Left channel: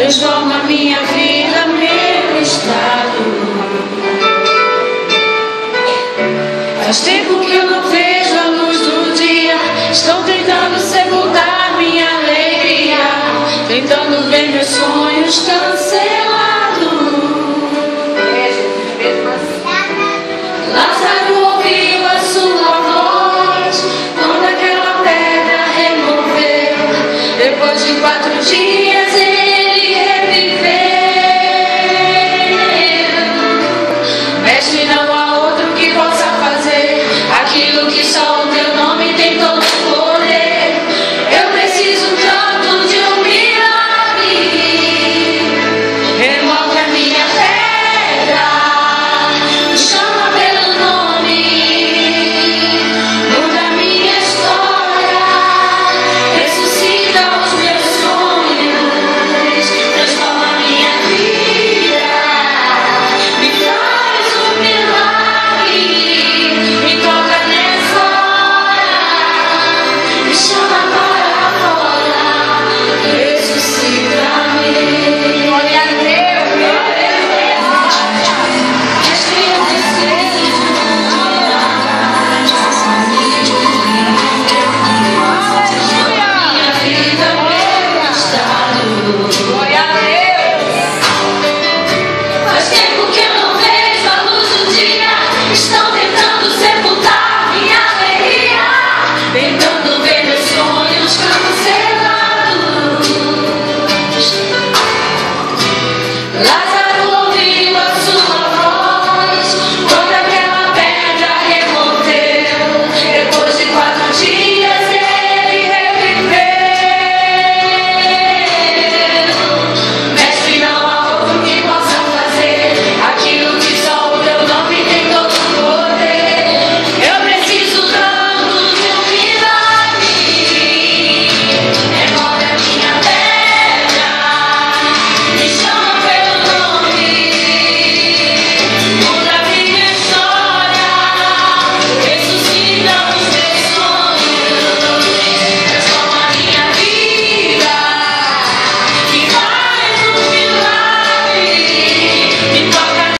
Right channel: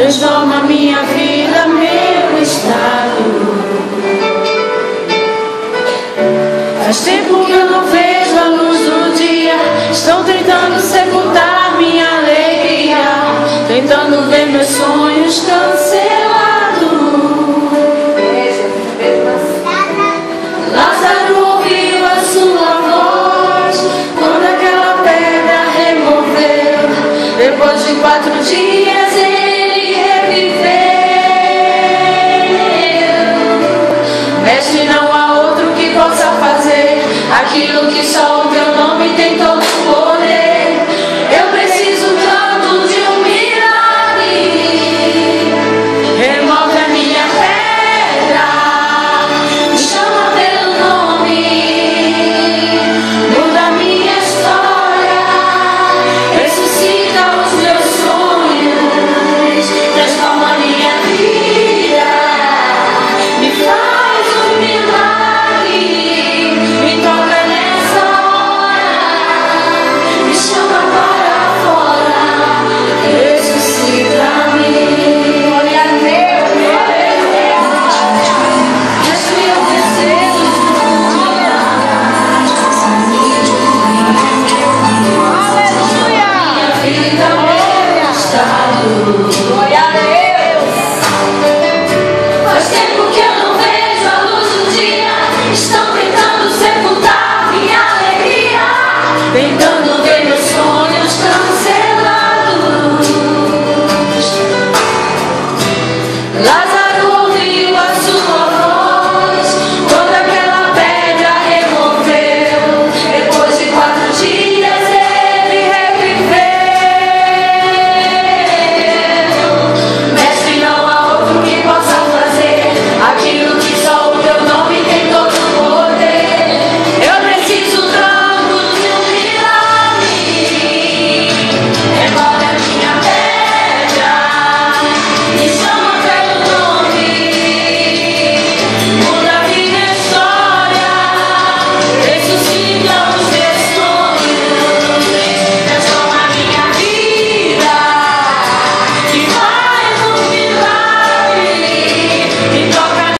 transforma minha vida, meu estado. Faz tempo que eu não vejo a luz do dia, estou tentando sepultar minha alegria, tentando ver meus sonhos cancelados. Lázaro ouviu a sua voz quando aquela pedra removeu. Depois de 4 dias